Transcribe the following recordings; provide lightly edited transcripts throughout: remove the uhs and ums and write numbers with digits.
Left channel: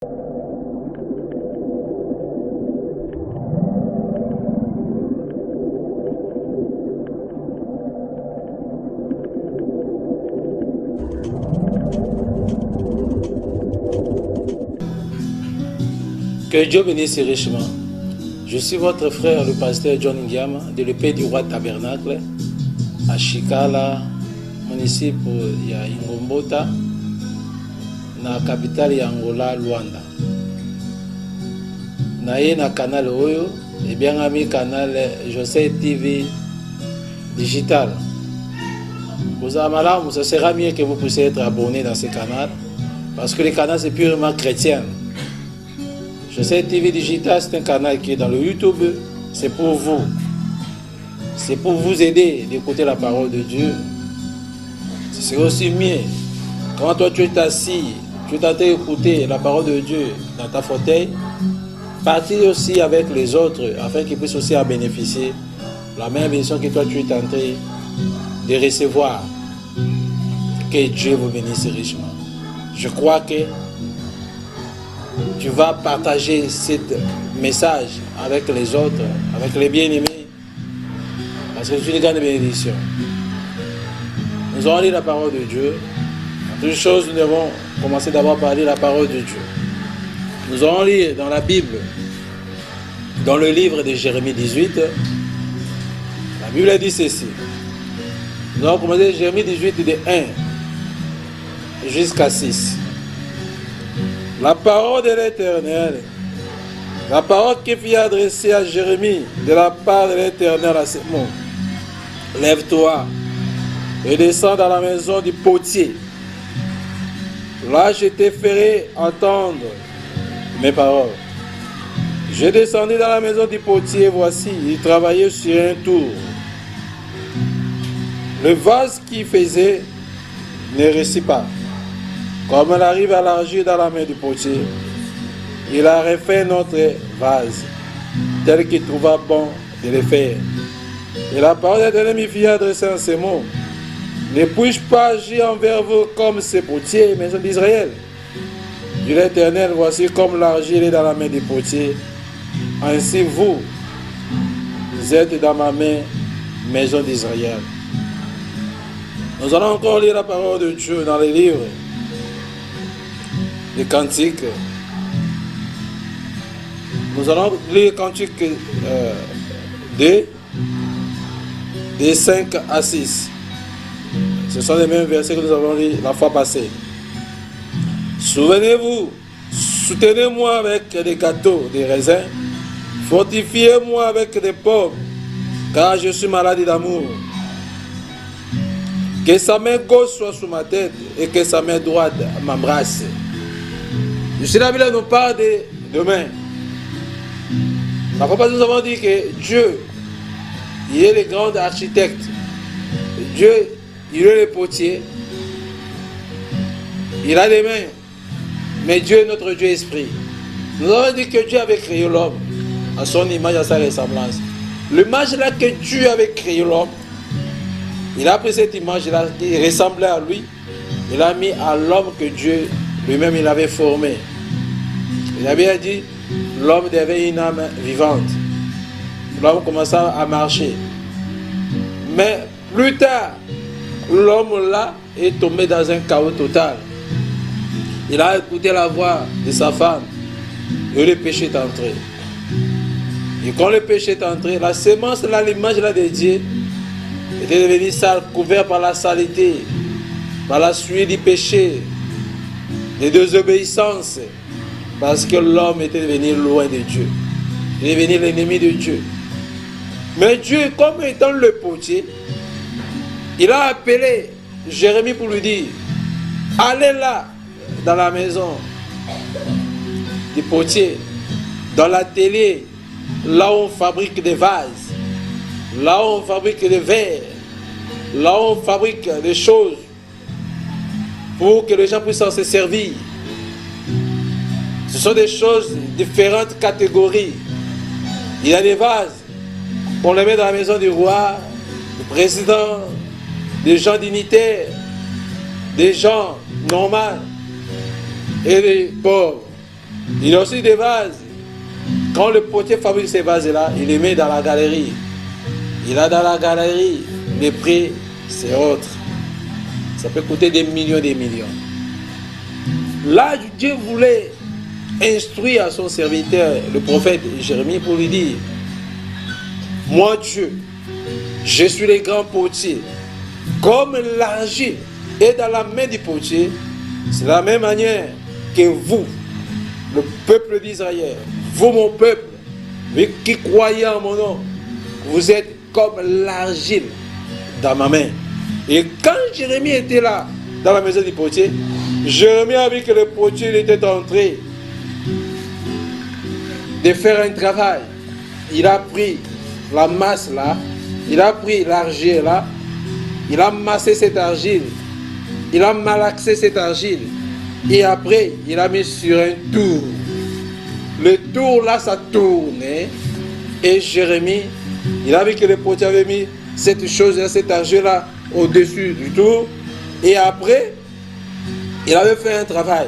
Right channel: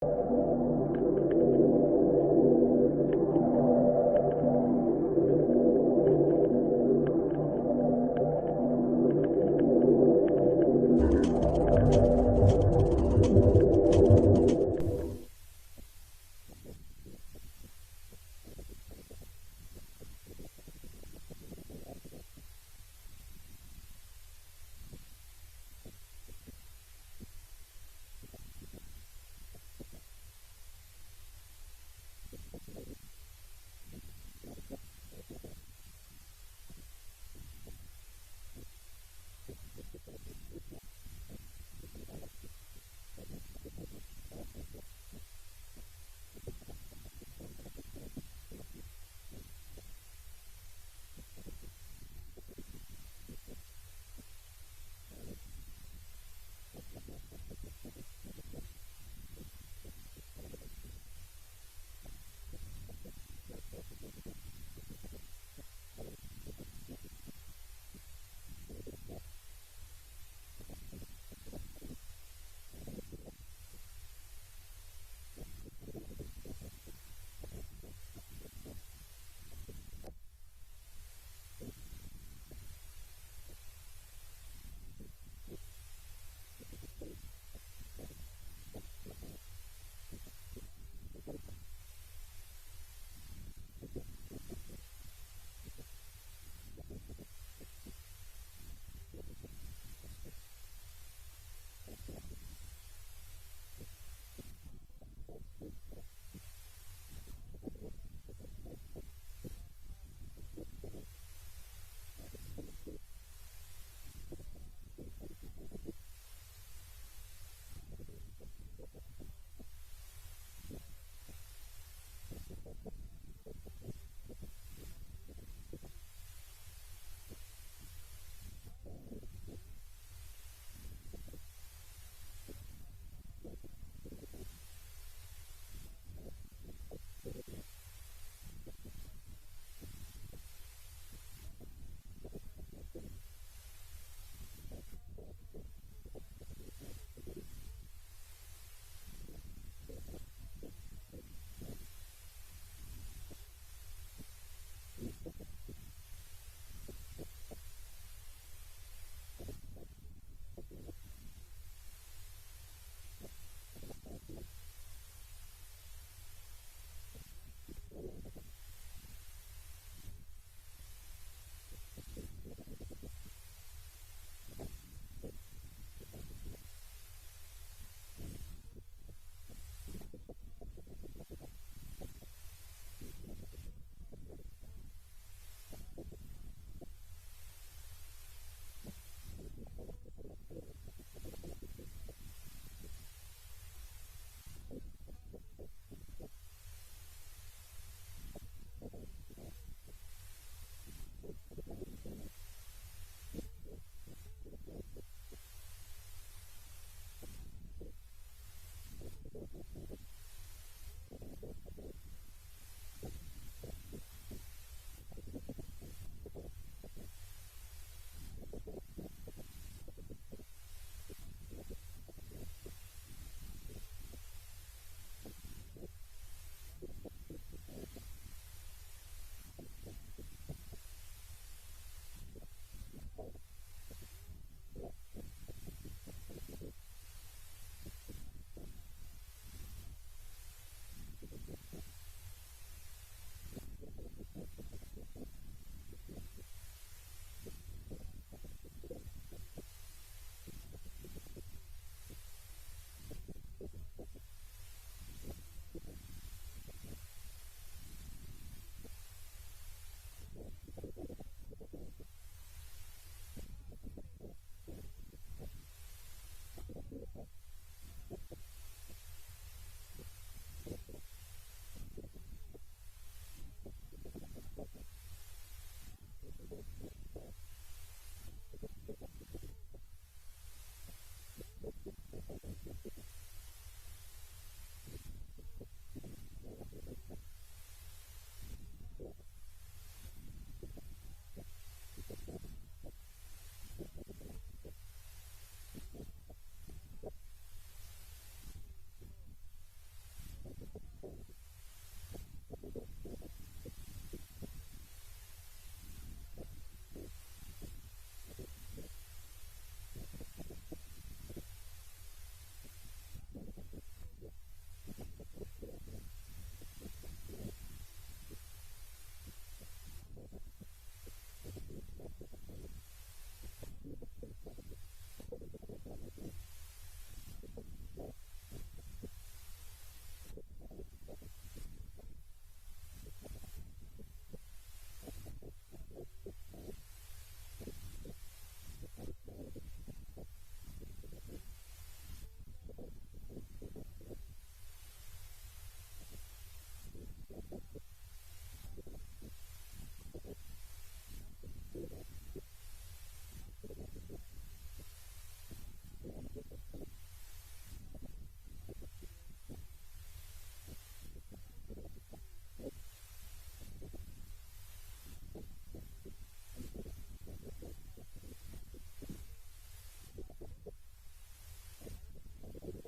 Que Dieu bénisse richement. Je suis votre frère, le pasteur John Ngiama, de l'épée du roi tabernacle, à Chikala, municipe ya Ingombota, na capitale ya Angola, Luanda. Naye na canal Oyo, et bien ami canal José TV Digital. Vous avez malade, ce sera mieux que vous puissiez être abonné dans ce canal, parce que le canal c'est purement chrétien. José TV Digital, c'est un canal qui est dans le YouTube, c'est pour vous. C'est pour vous aider d'écouter la parole de Dieu. C'est aussi mieux. Quand toi tu es assis, tu t'entends écouter la parole de Dieu dans ta fauteuil, partir aussi avec les autres afin qu'ils puissent aussi en bénéficier. La même bénédiction que toi tu es en train de recevoir. Que Dieu vous bénisse richement. Je crois que tu vas partager ce message avec les autres, avec les bien-aimés, parce que c'est une grande bénédiction. Nous allons lire la parole de Dieu. En toute chose, nous devons commencer d'abord par lire la parole de Dieu. Nous allons lire dans la Bible, dans le livre de Jérémie 18, la Bible dit ceci. Nous allons commencer Jérémie 18 de 1 jusqu'à 6. La parole de l'Éternel, la parole qui fut adressée à Jérémie de la part de l'Éternel à ce mot. Lève-toi et descends dans la maison du potier. Là, je te ferai entendre mes paroles. Je descendis dans la maison du potier, voici, il travaillait sur un tour. Le vase qu'il faisait ne réussit pas. Comme elle arrive à l'argile dans la main du potier, il a refait notre vase, tel qu'il trouva bon de le faire. Et la parole de l'Éternel me fit adresser en ces mots. Ne puis-je pas agir envers vous comme ces potiers, maison d'Israël? Dit l'Éternel, voici comme l'argile est dans la main du potier. Ainsi vous êtes dans ma main, maison d'Israël. Nous allons encore lire la parole de Dieu dans les livres des cantiques. Nous allons lire cantiques de 5 à 6. Ce sont les mêmes versets que nous avons lus la fois passée. Souvenez-vous, soutenez-moi avec des gâteaux, des raisins, fortifiez-moi avec des pommes, car je suis malade d'amour. Que sa main gauche soit sous ma tête et que sa main droite m'embrasse. Ici, la Bible nous parle de main. Parfois, nous avons dit que Dieu, il est le grand architecte. Dieu, il est le potier. Il a des mains. Mais Dieu est notre Dieu esprit. Nous avons dit que Dieu avait créé l'homme à son image, à sa ressemblance. L'image là que Dieu avait créé l'homme, il a pris cette image-là qui ressemblait à lui. Il a mis à l'homme que Dieu lui-même il avait formé. Il avait dit, l'homme devait une âme vivante. L'homme commença à marcher. Mais plus tard, l'homme là est tombé dans un chaos total. Il a écouté la voix de sa femme et le péché est entré. Et quand le péché est entré, la sémence là, l'image là de Dieu était devenue sale, couverte par la saleté, par la suie du péché, de désobéissance, parce que l'homme était devenu loin de Dieu. Il est devenu l'ennemi de Dieu. Mais Dieu, comme étant le potier, il a appelé Jérémie pour lui dire, allez là, dans la maison du potier, dans l'atelier, là où on fabrique des vases, là où on fabrique des verres, là où on fabrique des choses pour que les gens puissent se servir. Ce sont des choses, différentes catégories. Il y a des vases qu'on les met dans la maison du roi, du président, des gens dignitaires, des gens normaux et des pauvres. Il y a aussi des vases. Quand le potier fabrique ces vases-là, il les met dans la galerie. Il a dans la galerie, les prix, c'est autre. Ça peut coûter des millions et des millions. Là, Dieu voulait instruire à son serviteur, le prophète Jérémie, pour lui dire, moi Dieu, je suis le grand potier. Comme l'argile est dans la main du potier, c'est de la même manière que vous, le peuple d'Israël, vous mon peuple, qui croyez en mon nom, vous êtes comme l'argile dans ma main. Et quand Jérémie était là, dans la maison du potier, Jérémie a vu que le potier était en train de faire un travail. Il a pris la masse là, il a pris l'argile là, il a massé cette argile, il a malaxé cette argile, et après il a mis sur un tour. Le tour là, ça tournait, et Jérémie, il a vu que le potier avait mis cette chose-là, cette argile-là, au-dessus du tour, et après, il avait fait un travail.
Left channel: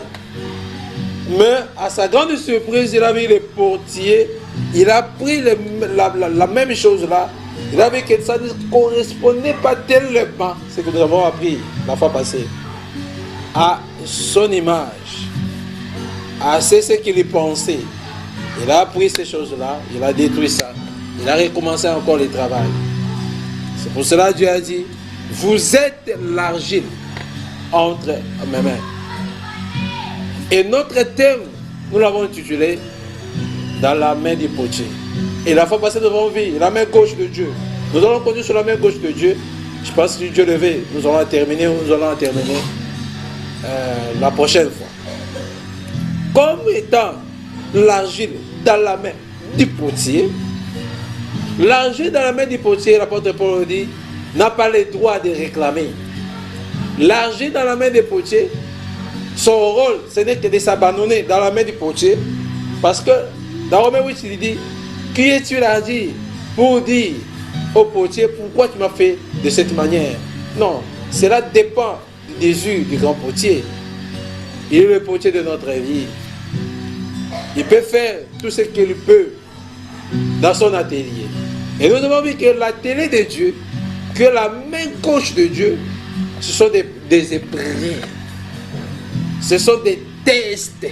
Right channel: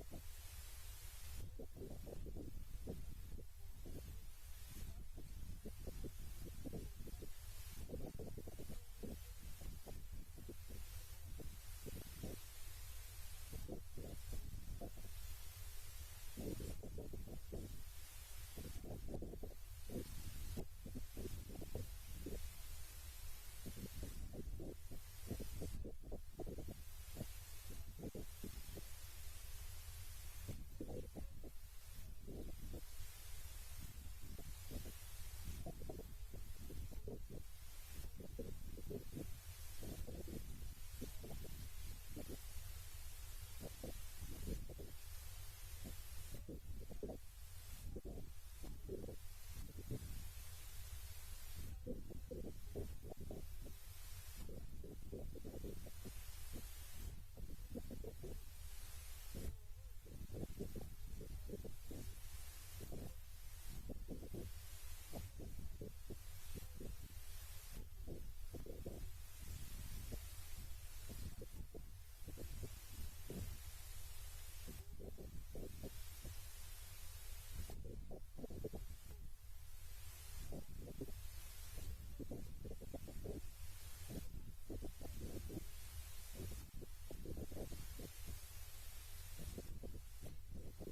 Mais à sa grande surprise, il a vu le potier, il a pris la même chose-là, il a vu que ça ne correspondait pas tellement, ce que nous avons appris la fois passée, à son image, à ce qu'il pensait. Il a pris ces choses-là, il a détruit ça, il a recommencé encore le travail. C'est pour cela que Dieu a dit, vous êtes l'argile entre mes mains. Et notre thème, nous l'avons intitulé dans la main du potier. Et la fois passée, nous avons vu la main gauche de Dieu. Nous allons continuer sur la main gauche de Dieu. Je pense que Dieu le veut, nous allons terminer la prochaine fois. Comme étant l'argile dans la main du potier, l'argile dans la main du potier, l'apôtre Paul dit, n'a pas le droit de réclamer. L'argile dans la main du potier, son rôle, ce n'est que de s'abandonner dans la main du potier, parce que dans Romains 8, il dit, qui es-tu l'argile pour dire au potier, pourquoi tu m'as fait de cette manière? Non, cela dépend du désir du grand potier. Il est le potier de notre vie. Il peut faire tout ce qu'il peut dans son atelier. Et nous avons vu que l'atelier de Dieu, que la main gauche de Dieu, ce sont des épreuves. Ce sont des tests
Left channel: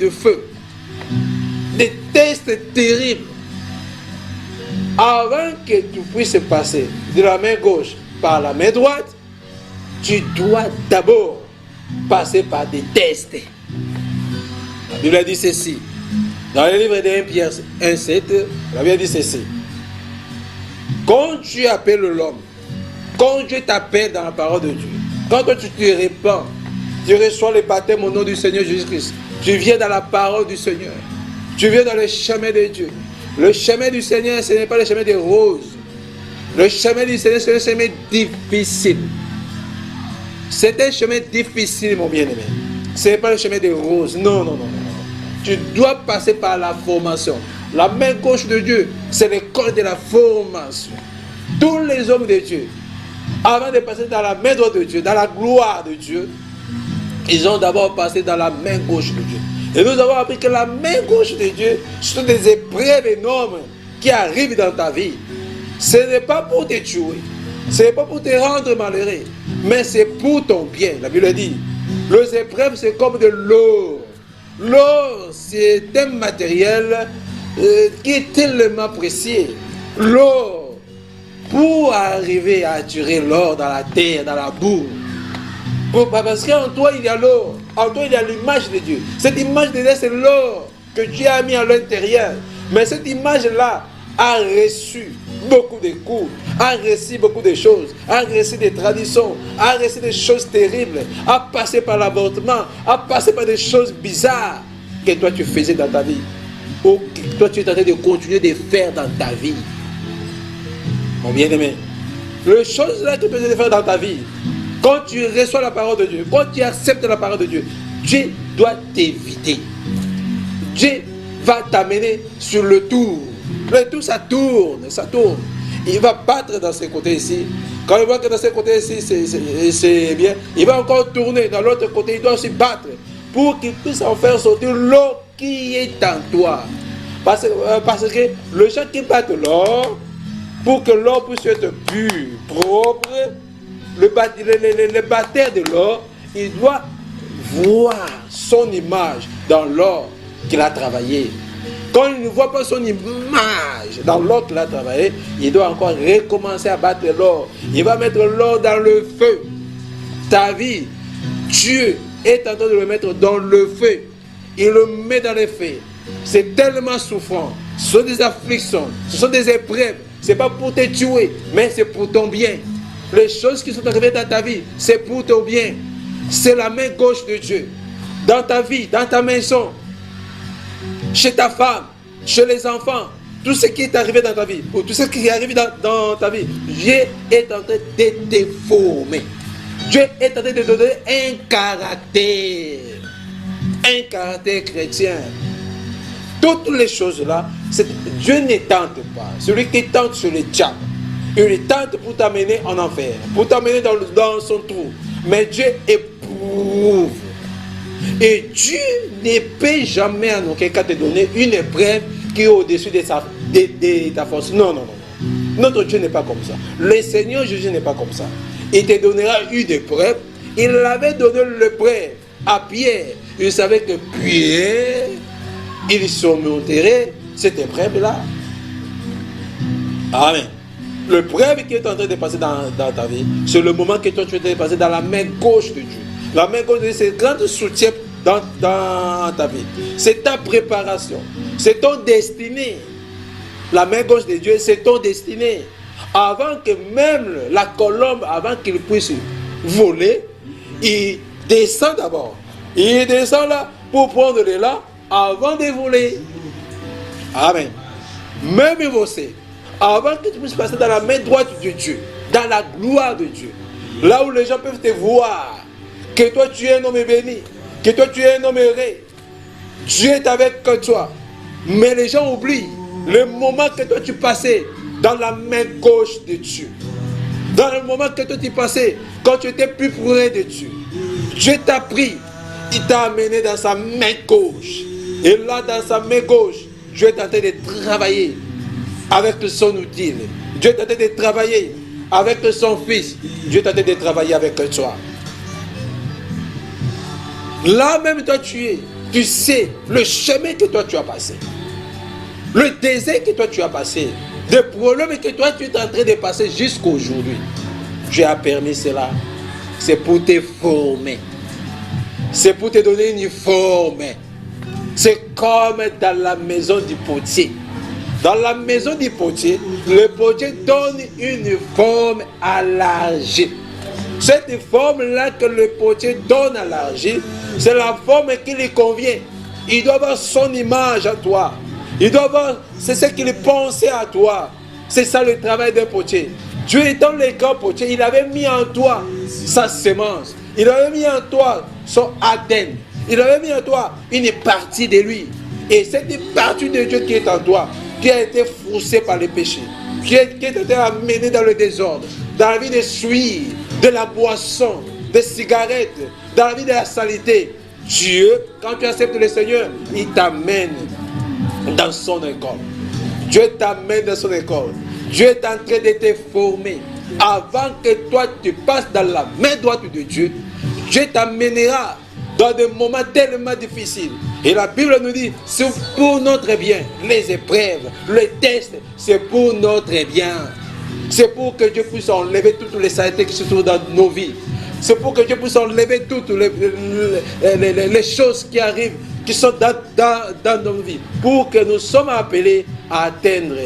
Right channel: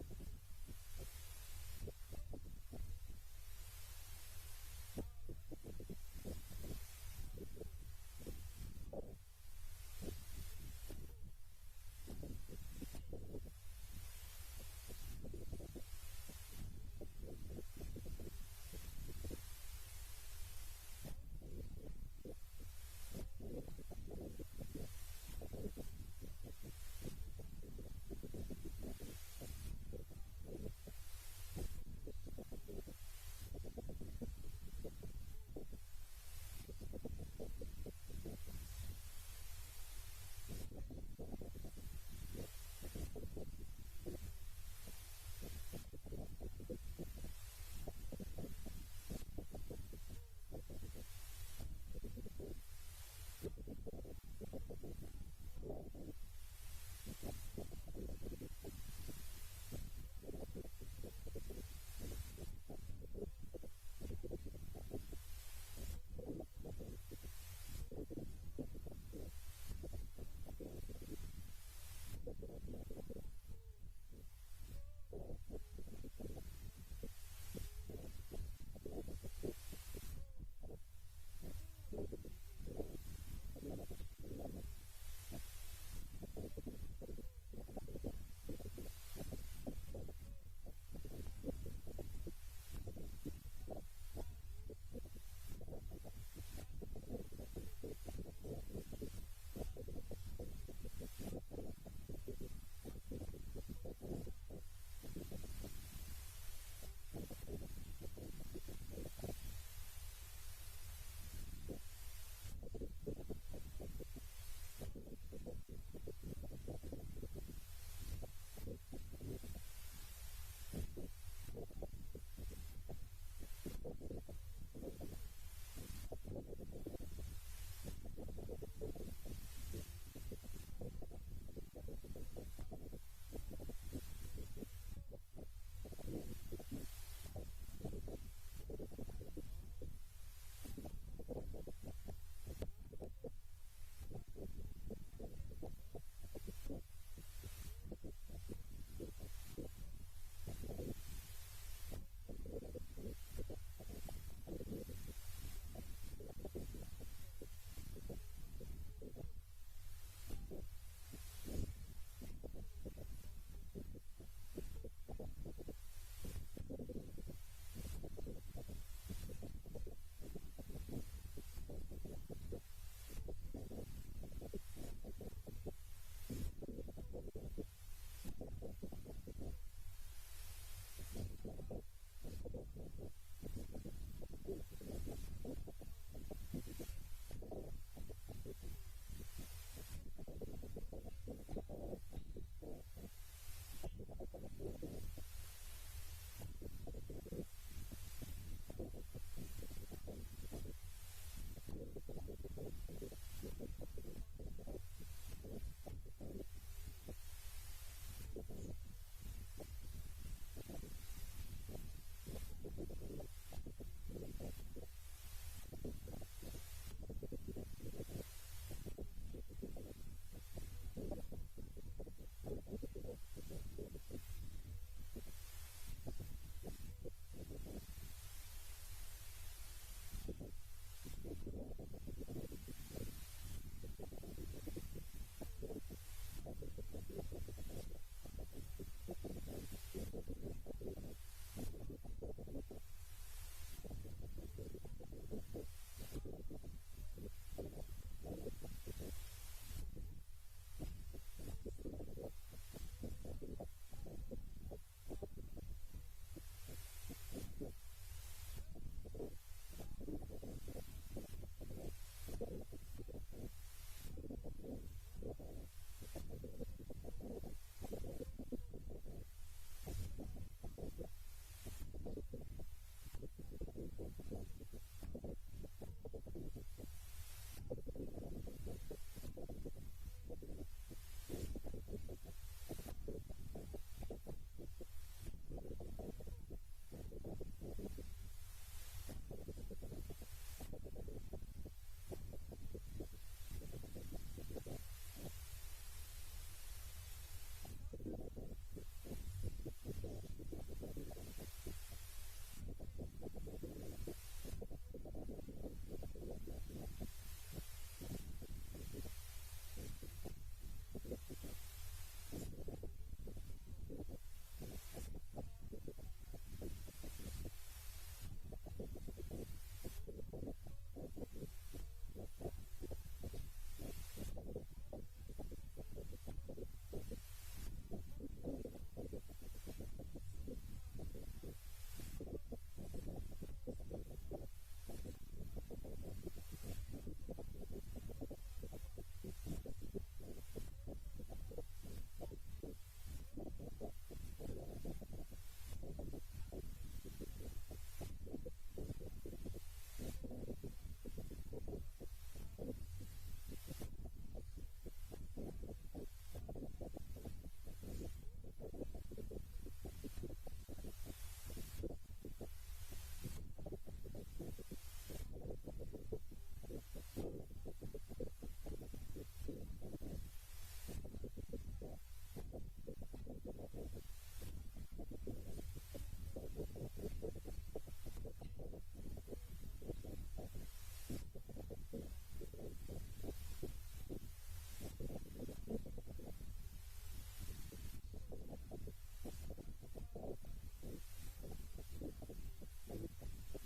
de feu, des tests terribles. Avant que tu puisses passer de la main gauche par la main droite, tu dois d'abord passer par des tests. La Bible a dit ceci. Dans le livre de 1 Pierre 1,7, la Bible dit ceci. Quand tu appelles l'homme, quand Dieu t'appelle dans la parole de Dieu, quand toi tu te répands, tu reçois le baptême au nom du Seigneur Jésus-Christ. Tu viens dans la parole du Seigneur. Tu viens dans le chemin de Dieu. Le chemin du Seigneur, ce n'est pas le chemin des roses. Le chemin du Seigneur, c'est un chemin difficile. C'est un chemin difficile, mon bien-aimé. Ce n'est pas le chemin des roses. Non, non, non, non. Tu dois passer par la formation. La main gauche de Dieu, c'est l'école de la formation. Tous les hommes de Dieu, avant de passer dans la main droite de Dieu, dans la gloire de Dieu, ils ont d'abord passé dans la main gauche de Dieu. Et nous avons appris que la main gauche de Dieu, ce sont des épreuves énormes qui arrivent dans ta vie. Ce n'est pas pour te tuer, ce n'est pas pour te rendre malheureux, mais c'est pour ton bien. La Bible dit, les épreuves c'est comme de l'or. L'or c'est un matériel qui est tellement précieux. L'or, pour arriver à attirer l'or dans la terre, dans la boue, parce qu'en toi il y a l'or, en toi il y a l'image de Dieu. Cette image de Dieu c'est l'or que Dieu a mis à l'intérieur. Mais cette image-là a reçu beaucoup de coups, a reçu beaucoup de choses, a reçu des traditions, a reçu des choses terribles, a passé par l'avortement, a passé par des choses bizarres que toi tu faisais dans ta vie, ou que toi tu es en train de continuer de faire dans ta vie. Mon bien-aimé, les choses là que tu peux faire dans ta vie, quand tu reçois la parole de Dieu, quand tu acceptes la parole de Dieu, Dieu doit t'éviter. Dieu va t'amener sur le tour. Le tour, ça tourne, ça tourne. Il va battre dans ce côté ici. Quand il voit que dans ce côté ici, c'est bien, il va encore tourner. Dans l'autre côté, il doit aussi battre. pour qu'il puisse en faire sortir l'eau qui est en toi. Parce que le gens qui battent l'or, pour que l'or puisse être pur, propre, le batteur de l'or, il doit voir son image dans l'or qu'il a travaillé. Quand il ne voit pas son image dans l'or qu'il a travaillé, il doit encore recommencer à battre l'or. Il va mettre l'or dans le feu. Ta vie, Dieu est en train de le mettre dans le feu. Il le met dans le feu. C'est tellement souffrant. Ce sont des afflictions, ce sont des épreuves. Ce n'est pas pour te tuer, mais c'est pour ton bien. Les choses qui sont arrivées dans ta vie, c'est pour ton bien. C'est la main gauche de Dieu. Dans ta vie, dans ta maison, chez ta femme, chez les enfants, tout ce qui est arrivé dans ta vie, ou tout ce qui est arrivé dans ta vie, Dieu est en train de te former. Dieu est en train de te donner un caractère chrétien. Toutes les choses-là, Dieu ne tente pas. Celui qui tente sur le diable, il tente pour t'amener en enfer, pour t'amener dans son trou. Mais Dieu éprouve. Et Dieu ne peut jamais en aucun cas te donner une épreuve qui est au-dessus de ta force. Non, non, non. Notre Dieu n'est pas comme ça. Le Seigneur Jésus n'est pas comme ça. Il te donnera une épreuve. Il avait donné l'épreuve à Pierre. Il savait que Pierre, il surmonterait cette épreuve-là. Amen. L'épreuve qui est en train de passer dans ta vie, c'est le moment que toi tu es en train de passer dans la main gauche de Dieu. La main gauche de Dieu, c'est un grand soutien dans ta vie. C'est ta préparation. C'est ton destinée. La main gauche de Dieu, c'est ton destinée. Avant que même la colombe, avant qu'il puisse voler, il descend d'abord. Il descend là pour prendre l'élan avant de voler. Amen. Même Mosée, avant que tu puisses passer dans la main droite de Dieu, dans la gloire de Dieu, là où les gens peuvent te voir, que toi tu es un homme béni, que toi tu es un homme heureux, Dieu est avec toi. Mais les gens oublient le moment que toi tu passais dans la main gauche de Dieu. Dans le moment que toi tu passais, quand tu étais plus près de Dieu, Dieu t'a pris, il t'a amené dans sa main gauche. Et là, dans sa main gauche, Dieu est en train de travailler avec son outil. Dieu est en train de travailler avec son fils. Dieu est en train de travailler avec toi. Là même toi tu sais le chemin que toi tu as passé. Le désert que toi tu as passé. Les problèmes que toi tu es en train de passer jusqu'à aujourd'hui. Dieu a permis cela. C'est pour te former. C'est pour te donner une forme. C'est comme dans la maison du potier. Dans la maison du potier, le potier donne une forme à l'argile. Cette forme-là que le potier donne à l'argile, c'est la forme qui lui convient. Il doit avoir son image à toi. Il doit avoir, c'est ce qu'il pensait à toi. C'est ça le travail d'un potier. Dieu étant le grand potier, il avait mis en toi sa semence. Il avait mis en toi son ADN. Il avait mis en toi une partie de lui. Et cette partie de Dieu qui est en toi, qui a été faussée par le péché, qui a été amenée dans le désordre, dans la vie de suie, de la boisson, des cigarettes, dans la vie de la saleté. Dieu, quand tu acceptes le Seigneur, il t'amène dans son école. Dieu t'amène dans son école. Dieu est en train de te former. Avant que toi tu passes dans la main droite de Dieu, Dieu t'amènera dans des moments tellement difficiles. Et la Bible nous dit, c'est pour notre bien. Les épreuves, les tests, c'est pour notre bien. C'est pour que Dieu puisse enlever toutes les saletés qui se trouvent dans nos vies. C'est pour que Dieu puisse enlever toutes les choses qui arrivent, qui sont dans nos vies. Pour que nous sommes appelés à atteindre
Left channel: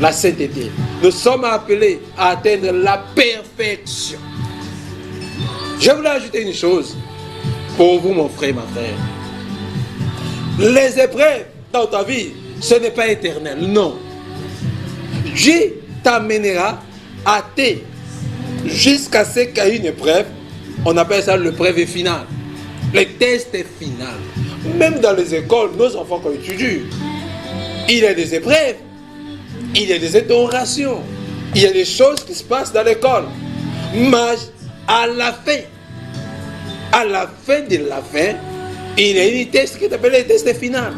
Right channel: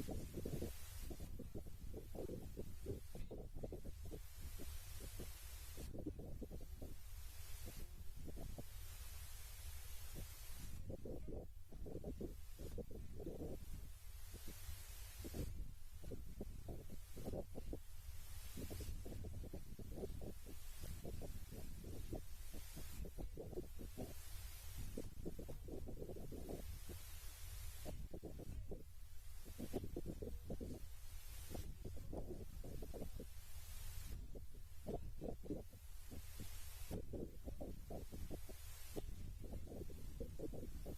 la sainteté. Nous sommes appelés à atteindre la perfection. Je voulais ajouter une chose pour vous, mon frère, ma frère. Les épreuves dans ta vie, ce n'est pas éternel, non. Dieu t'amènera à te jusqu'à ce qu'il y ait une épreuve. On appelle ça l'épreuve finale. Le test final. Même dans les écoles, nos enfants quand ils étudient, il y a des épreuves, il y a des interrogations, il y a des choses qui se passent dans l'école. Mais à la fin de la fin, Il y a une test qui est appelé le test final.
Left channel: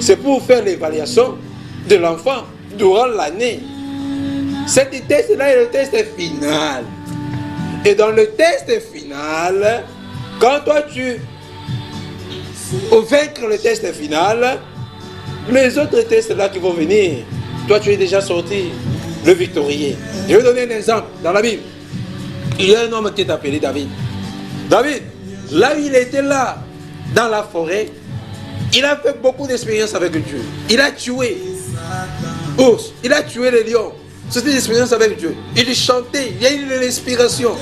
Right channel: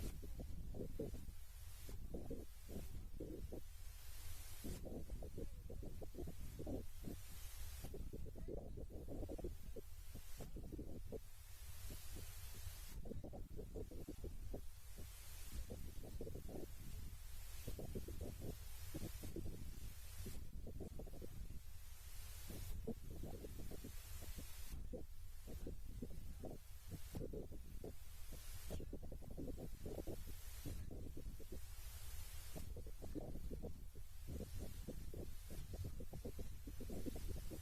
C'est pour faire l'évaluation de l'enfant durant l'année. Cet test-là est le test final. Et dans le test final, quand toi tu vaincre le test final, les autres tests-là qui vont venir, toi tu es déjà sorti le victorieux. Je vais donner un exemple dans la Bible. Il y a un homme qui est appelé David. David, là où il était là, dans la forêt, il a fait beaucoup d'expériences avec Dieu. Il a tué ours, il a tué les lions. C'était une expérience avec Dieu. Il chantait, il y a eu de l'inspiration.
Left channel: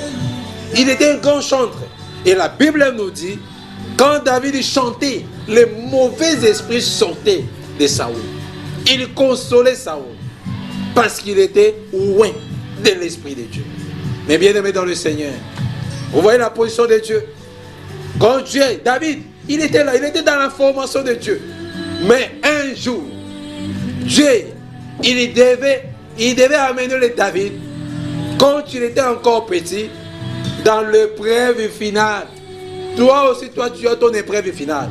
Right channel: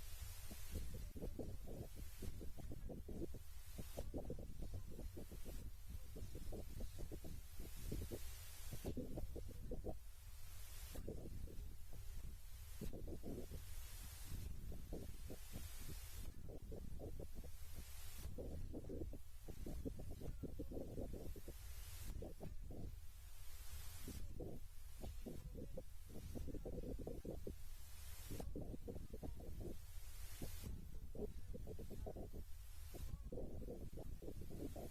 Il était un grand chanteur. Et la Bible nous dit, quand David chantait, les mauvais esprits sortaient de Saoul. Il consolait Saoul parce qu'il était loin de l'esprit de Dieu. Mais bien aimé dans le Seigneur, vous voyez la position de Dieu. Quand Dieu, David, il était là, il était dans la formation de Dieu. Mais un jour, Dieu, il devait amener le David, quand il était encore petit, dans l'épreuve finale. Toi aussi, tu as ton épreuve finale.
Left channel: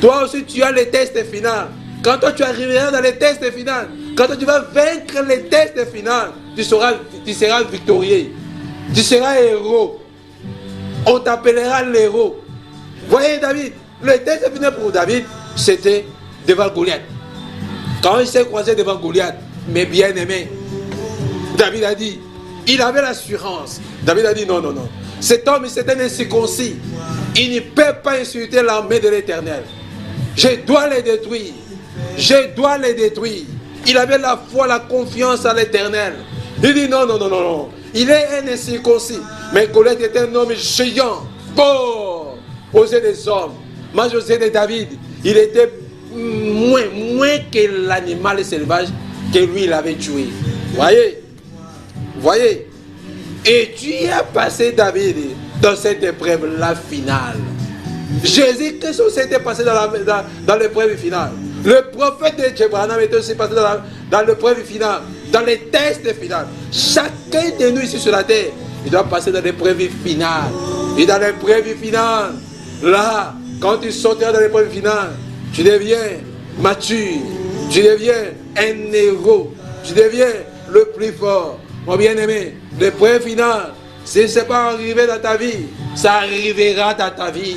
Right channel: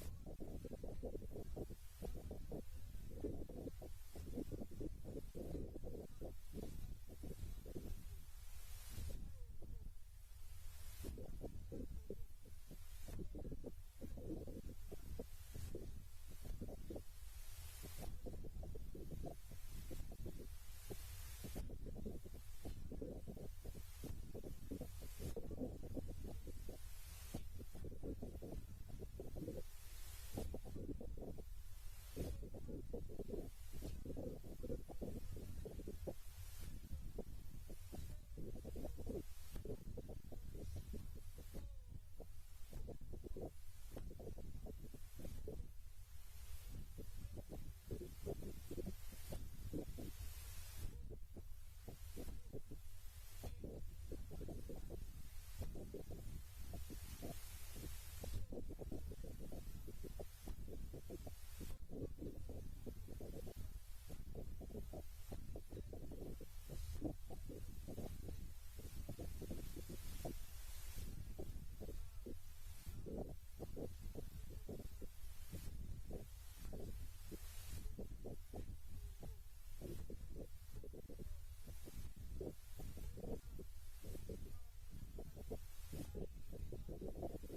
Toi aussi, tu as le test final. Quand toi, tu arriveras dans le test final, quand toi, tu vas vaincre le test final, tu seras victorieux. Tu seras héros. On t'appellera l'héros. Voyez David, le test final pour David, c'était devant Goliath. Quand il s'est croisé devant Goliath, mais bien aimé, David a dit, il avait l'assurance. David a dit non, non, non. Cet homme, c'est un incirconcis. Il ne peut pas insulter l'armée de l'Éternel. Je dois les détruire. Je dois les détruire. Il avait la foi, la confiance à l'Éternel. Il dit non, non, non, non, non. Il est un incirconcis. Mais Goliath était un homme géant, fort, aux yeux des hommes. Moi, aux yeux de David, il était moins que l'animal sauvage que lui, il avait tué. Voyez? Voyez? Et Dieu a passé David dans cette épreuve, la finale. Jésus-Christ s'était passé dans l'épreuve finale. Le prophète de Dieu était aussi passé dans l'épreuve finale, dans les tests finales. Chacun de nous ici sur la terre, il doit passer dans l'épreuve finale. Et dans l'épreuve finale, là, quand tu sortiras dans l'épreuve finale, tu deviens mature, tu deviens un héros, tu deviens le plus fort. Mon bien-aimé, l'épreuve finale, si ce n'est pas arrivé dans ta vie, ça arrivera dans ta vie.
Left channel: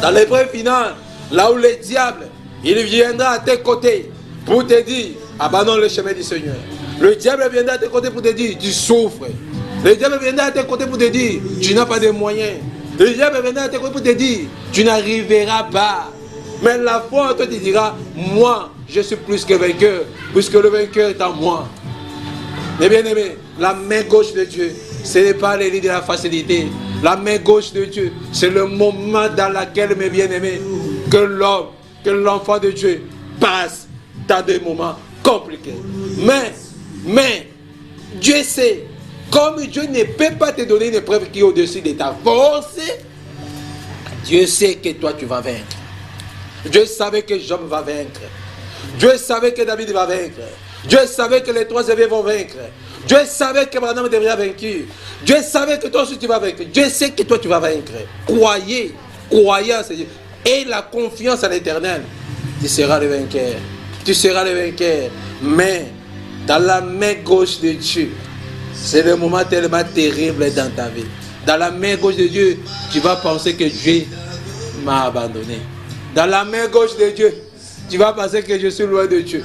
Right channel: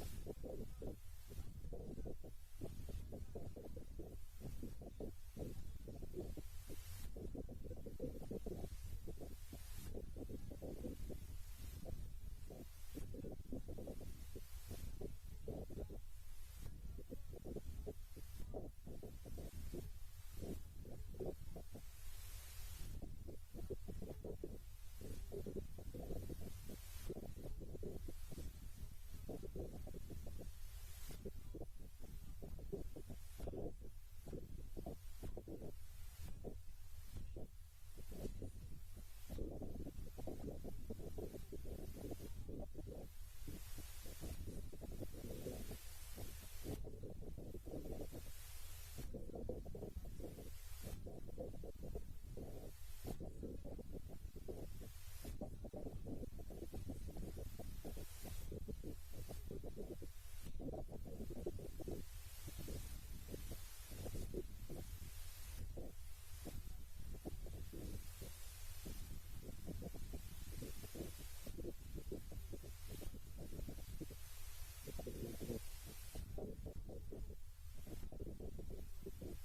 Dans l'épreuve finale, là où le diable, il viendra à tes côtés pour te dire, abandonne le chemin du Seigneur. Le diable viendra à tes côtés pour te dire, tu souffres. Le diable viendra à tes côtés pour te dire, tu n'as pas de moyens. Le diable viendra à tes côtés pour te dire, tu n'arriveras pas. Mais la foi en toi te dira, moi, je suis plus que vainqueur, puisque le vainqueur est en moi. Mais bien aimé, la main gauche de Dieu, ce n'est pas les lits de la facilité. La main gauche de Dieu, c'est le moment dans lequel, mes bien-aimés, que l'homme, que l'enfant de Dieu passe dans des moments compliqués. Mais, Dieu sait, comme Dieu ne peut pas te donner une épreuve qui est au-dessus de ta force, Dieu sait que toi tu vas vaincre. Dieu savait que Job va vaincre. Dieu savait que David va vaincre. Dieu savait que les 3 évêques vont vaincre. Dieu savait que Madame devrait vaincre. Dieu savait que toi aussi tu vas vaincre. Dieu sait que toi tu vas vaincre. Croyez en Seigneur. Et la confiance en l'Éternel. Tu seras le vainqueur. Tu seras le vainqueur. Mais dans la main gauche de Dieu, c'est le moment tellement terrible dans ta vie. Dans la main gauche de Dieu, tu vas penser que Dieu m'a abandonné. Dans la main gauche de Dieu, tu vas penser que je suis loin de Dieu.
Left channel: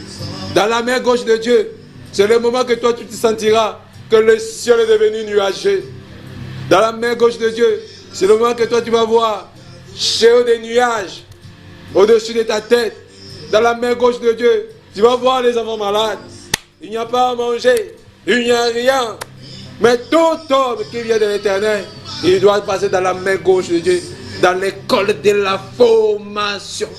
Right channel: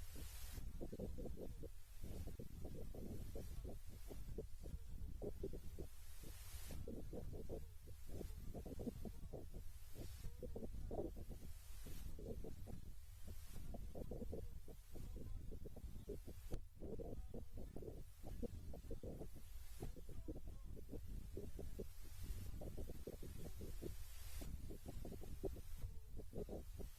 Dans la main gauche de Dieu, c'est le moment que toi tu te sentiras que le ciel est devenu nuageux. Dans la main gauche de Dieu, c'est le moment que toi tu vas voir chez des nuages au-dessus de ta tête. Dans la main gauche de Dieu, tu vas voir les enfants malades. Il n'y a pas à manger, il n'y a rien. Mais tout homme qui vient de l'Éternel, il doit passer dans la main gauche de Dieu, dans l'école de la formation.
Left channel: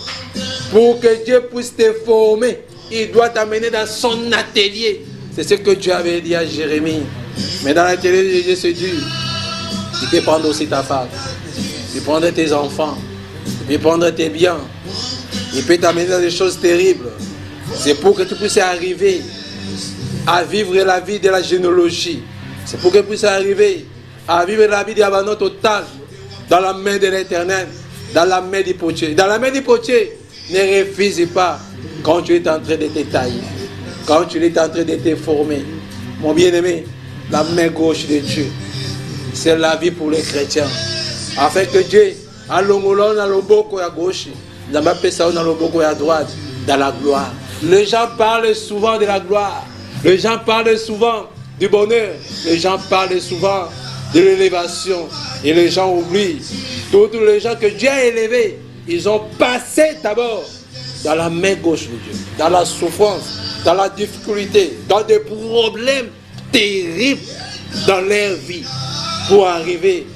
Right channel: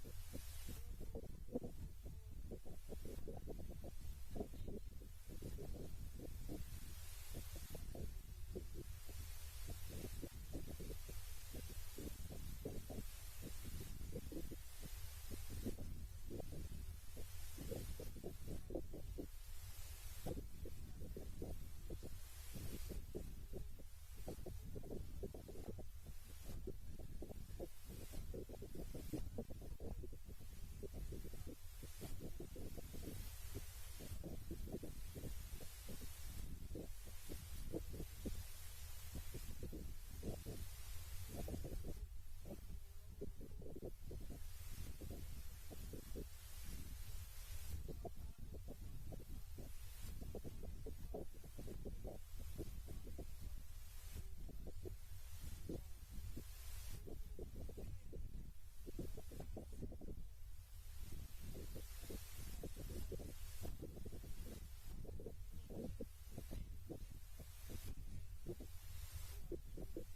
Pour que Dieu puisse te former, il doit t'amener dans son atelier. C'est ce que Dieu avait dit à Jérémie. Mais dans l'atelier de Dieu, c'est dur. Il peut prendre aussi ta femme. Il peut prendre tes enfants. Il peut prendre tes biens. Il peut t'amener dans des choses terribles. C'est pour que tu puisses arriver à vivre la vie de la généalogie. C'est pour que tu puisses arriver à vivre la vie d'abandon total dans la main de l'Éternel. dans la main du potier. Dans la main du potier, ne refuse pas quand tu es en train de te tailler, quand tu es en train de te former. Mon bien-aimé, la main gauche de Dieu, c'est la vie pour les chrétiens. Afin que Dieu, à l'ongolon, à l'oboko à gauche, dans ma personne, à l'oboko à droite, dans la gloire. Les gens parlent souvent de la gloire. Les gens parlent souvent du bonheur. Les gens parlent souvent de l'élévation. Et les gens oublient. Tous les gens que Dieu a élevés, ils ont passé d'abord dans la main gauche de Dieu, dans la souffrance, dans la difficulté, dans des problèmes terribles dans leur vie pour arriver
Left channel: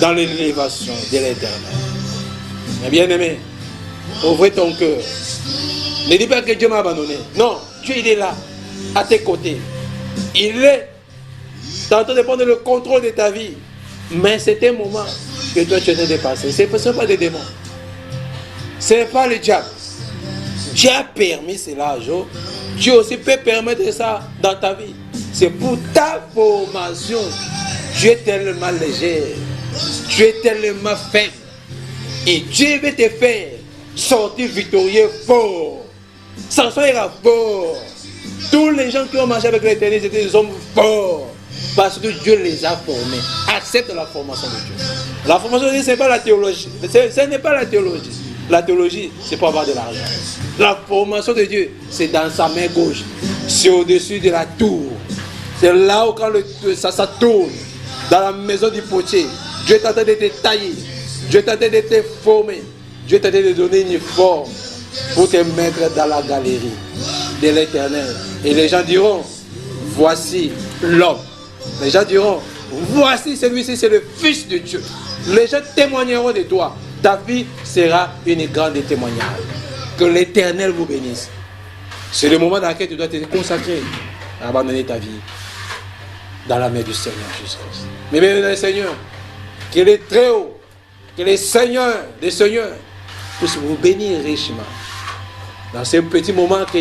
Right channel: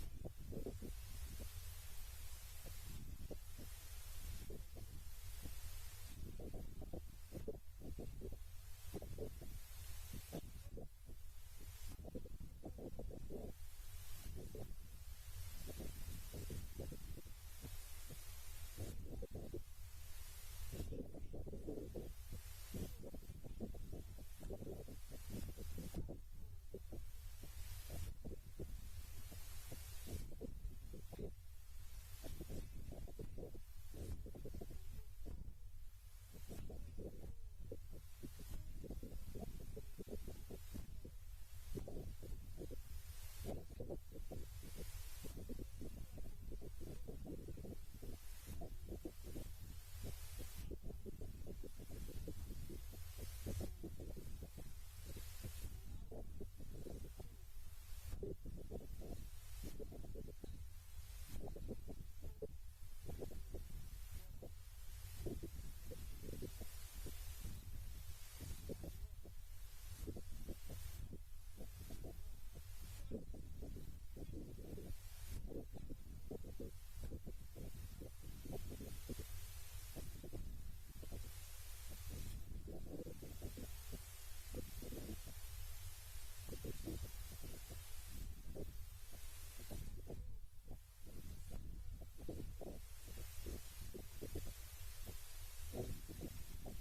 dans l'élévation de l'éternel. Mais bien aimé, ouvre ton cœur. Ne dis pas que Dieu m'a abandonné. Non, Dieu il est là, à tes côtés. Il est en train de prendre le contrôle de ta vie. Mais c'est un moment que toi tu es dépassé. Ce ne sont pas des démons. Ce n'est pas le diable. Dieu a permis cela, Joe. Dieu aussi peut permettre ça dans ta vie. C'est pour ta formation. Tu es tellement léger. Tu es tellement faible. Et Dieu veut te faire sortir victorieux fort. Samson era fort. Tous les gens qui ont marché avec l'Éternel, c'était des hommes forts. Parce que Dieu les a formés. Accepte la formation de Dieu. La formation de Dieu, ce n'est pas la théologie. Ce n'est pas la théologie. La théologie, c'est pour avoir de l'argent. La formation de Dieu, c'est dans sa main gauche. C'est au-dessus de la tour. C'est là où quand ça tourne. Dans la maison du potier. Dieu est en train de te tailler. Dieu est en train de te former. Dieu est en train de te donner une forme pour te mettre dans la galerie de l'Éternel. Et les gens diront, voici l'homme. Les gens diront, voici celui-ci, c'est le Fils de Dieu. Les gens témoigneront de toi. Ta vie sera une grande témoignage. Que l'Éternel vous bénisse. C'est le moment dans lequel tu dois te consacrer à abandonner ta vie dans la main du Seigneur Jésus-Christ. Mais bien dans le Seigneur, qu'il est très haut, que les seigneurs des seigneurs puissent vous bénir richement. Dans ce petit moment que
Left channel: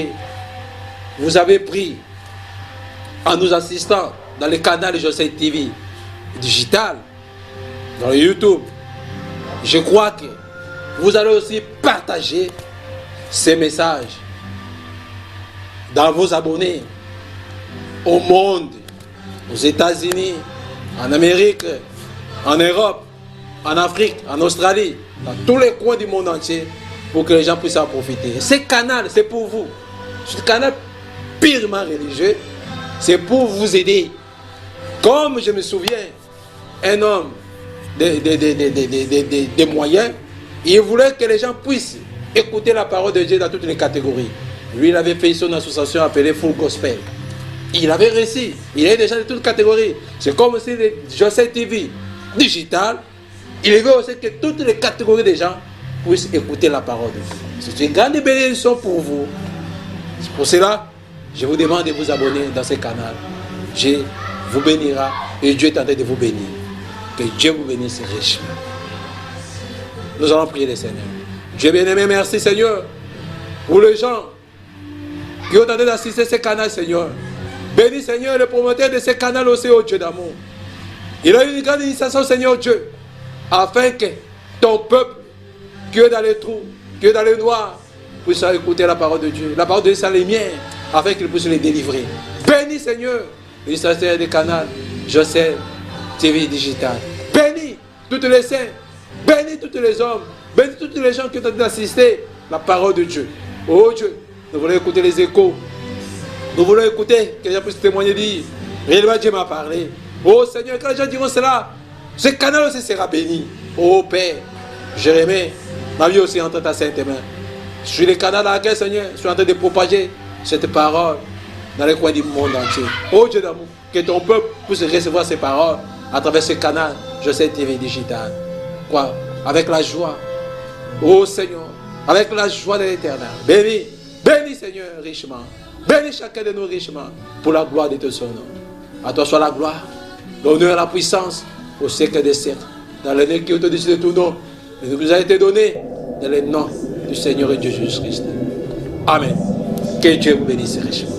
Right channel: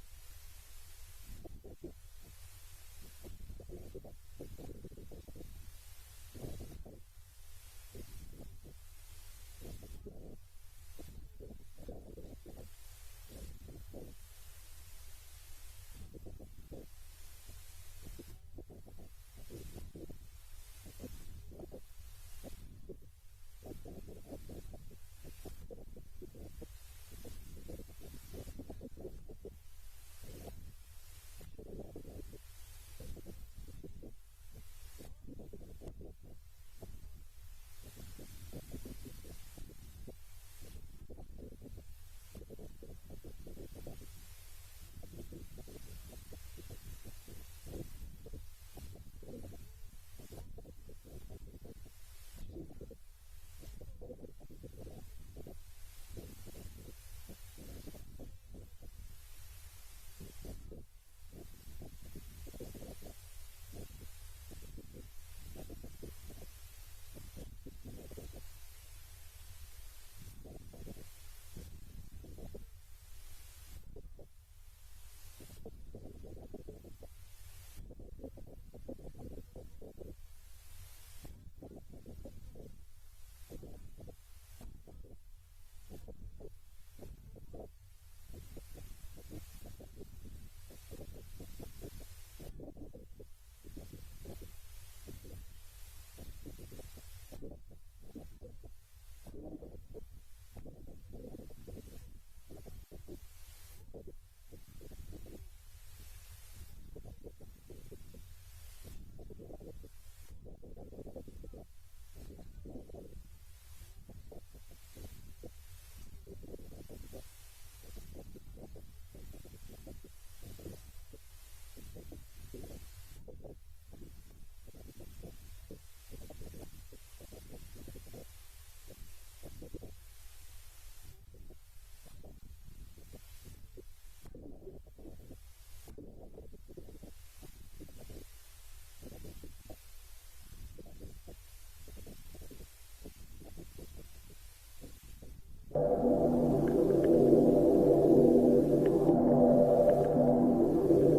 vous avez pris en nous assistant dans le canal de Joseph TV digital, dans le YouTube, je crois que vous allez aussi partager ces messages dans vos abonnés au monde, aux États-Unis, en Amérique, en Europe, en Afrique, en Australie, dans tous les coins du monde entier, pour que les gens puissent en profiter. Ce canal, c'est pour vous. Ce canal purement religieux, c'est pour vous aider. Comme je me souviens, un homme des moyens, il voulait que les gens puissent écouter la parole de Dieu dans toutes les catégories. Lui, il avait fait son association appelée Full Gospel. Il avait réussi. Il y avait des gens de toutes les catégories. C'est comme si Joseph TV digital, il veut aussi que toutes les catégories des gens puissent écouter la parole de Dieu. C'est une grande bénédiction pour vous. C'est pour cela, je vous demande de vous abonner dans ce canal. Dieu vous bénira et Dieu est en train de vous bénir. Que Dieu vous bénisse richement. Nous allons prier le Seigneur. Dieu bien-aimé, merci Seigneur pour les gens qui ont tenté d'assister à ce canal, Seigneur. Bénis Seigneur le promoteur de ce canal aussi, au Dieu d'amour. Il a eu une grande initiation, Seigneur Dieu, afin que ton peuple qui est dans les trous, qui est dans les noirs, puisse écouter la parole de Dieu. La parole de Dieu, c'est les miens, afin qu'il puisse les délivrer. Bénis Seigneur l'administrateur des canaux Joseph TV digital. Bénis toutes les saints, bénis tous les hommes, bénis tous les gens qui ont tenté d'assister la parole de Dieu. Oh Dieu, nous voulons écouter les échos. Nous voulons écouter, que les gens puissent témoigner, dire, réellement Dieu m'a parlé. Oh Seigneur, quand les gens diront cela, ce canal aussi sera béni. Oh Père, Jérémie, ma vie aussi entre ta sainte main. Je suis le canal dans lequel, Seigneur, je suis en train de propager cette parole dans les coins du monde entier. Oh Dieu d'amour, que ton peuple puisse recevoir ces paroles à travers ce canal, Joseph TV digital. Quoi? Avec la joie. Oh Seigneur, avec la joie de l'Éternel. Bénis, bénis Seigneur richement. Bénis chacun de nous richement pour la gloire de ton nom. À toi soit la gloire, l'honneur et la puissance au siècle des siècles. Dans le nom qui est au-dessus de tout nom, et nous a été donné dans le nom du Seigneur et Dieu Jésus-Christ. Amen. Que Dieu vous bénisse richement.